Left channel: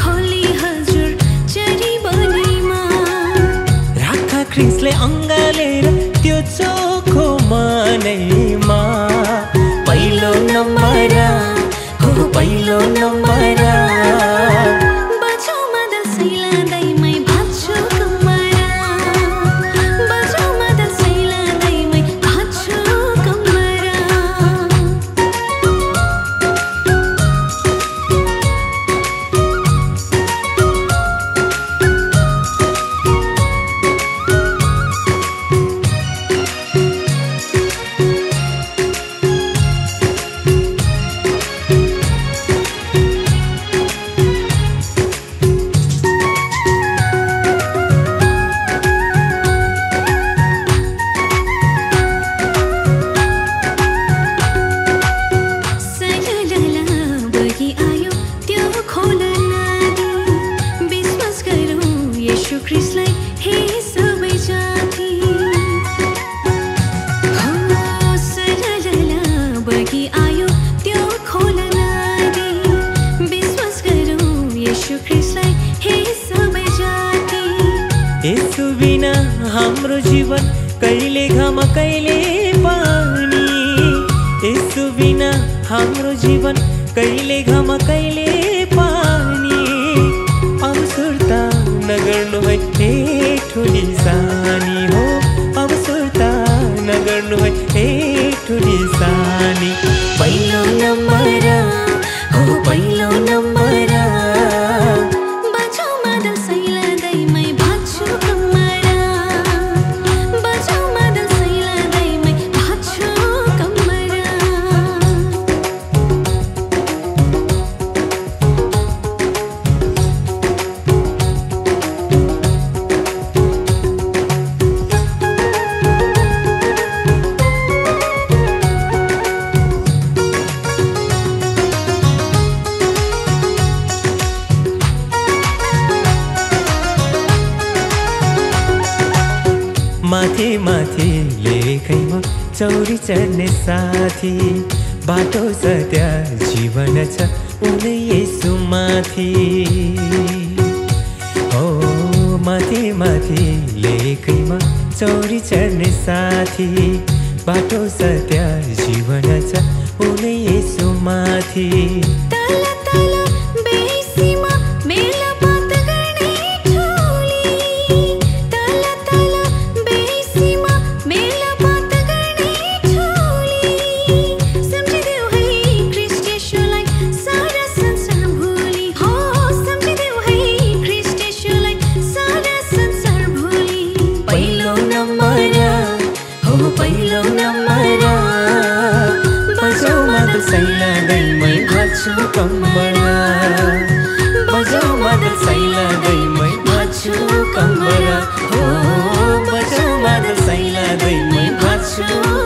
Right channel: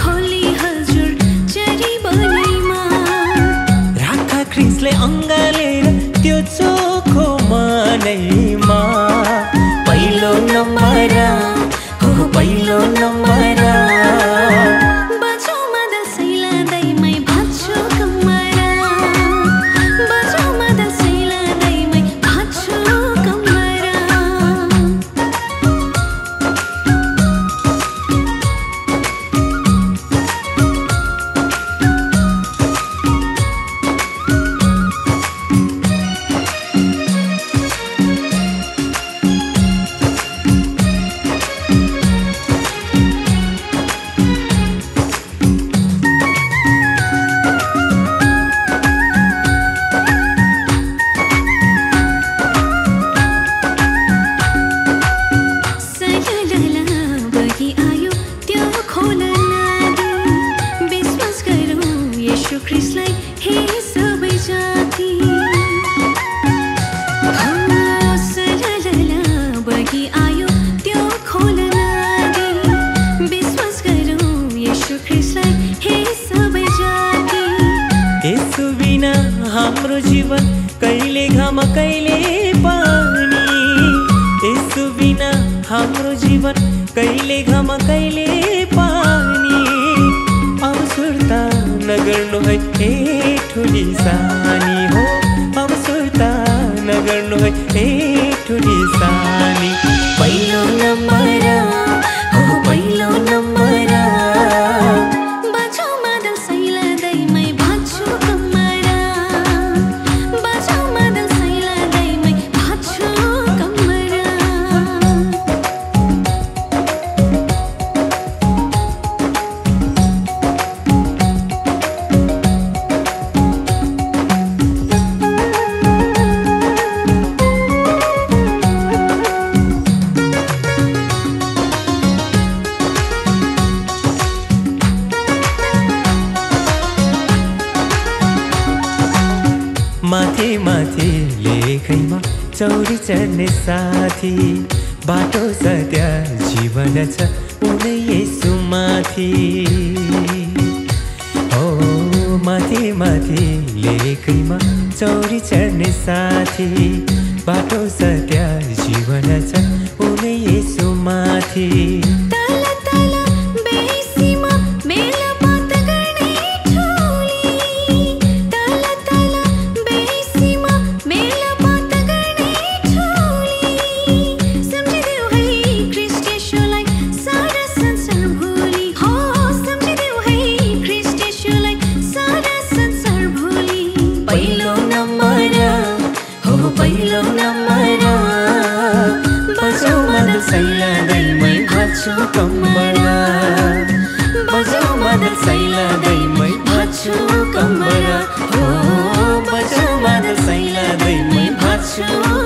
खोली हजुर चरी बनैमा राखा क्रिसले अङ्गालेर त्यो चोखो मनैमा पहिलो नम्बर हो पहिलो नम्बर बजाऊ मदल सैला दैमै भाछु कमरा बजाऊ मदल सैला दैमै भाछु कमरा यीशु ख्रिस्टलाई हे सबै जाति हो सललला बगी आयो त्यो खोला नदी विश्वास गरौँ यीशु ख्रिस्टलाई हे सबै जाति यसु बिना हाम्रो जीवन कहिले घाम कहिले पानी यसु बिना हाम्रो जीवन कहिले घाम कहिले पानी अब सुर्ता नगर्नु है हे ठुली सानी हो अब सुर्ता नगर्नु है हे ठुली सानी पहिलो नम्बर हो पहिलो नम्बर बजाऊ मदल सैला दैमै भाछु कमरा बजाऊ मदल सैला दैमै भाछु कमरा माथि माथि लेखैमा चौरी चढ्ने साथी बाटो सत्य जीवन छ उनै यसु माथि हो माथि माथि लेखैमा चौरी चढ्ने साथी बाटो सत्य जीवन छ उनै यसु माथि तल तल बेसीमा मेला बात गर्ने ठुली तल तल बेसीमा मेला बात गर्ने ठुली सम्झिदेऊ है ख्रिस्ट येशूलाई सारा संसार भुली हो सम्झिदेऊ है ख्रिस्ट येशूलाई सारा संसार भुली पहिलो नम्बर हो पहिलो नम्बर बजाऊ मदल सैला दैमै भाछु कमरा बजाऊ मदल सैला दैमै भाछु कमरा हो बजाऊ मदल सैला दैमै भाछु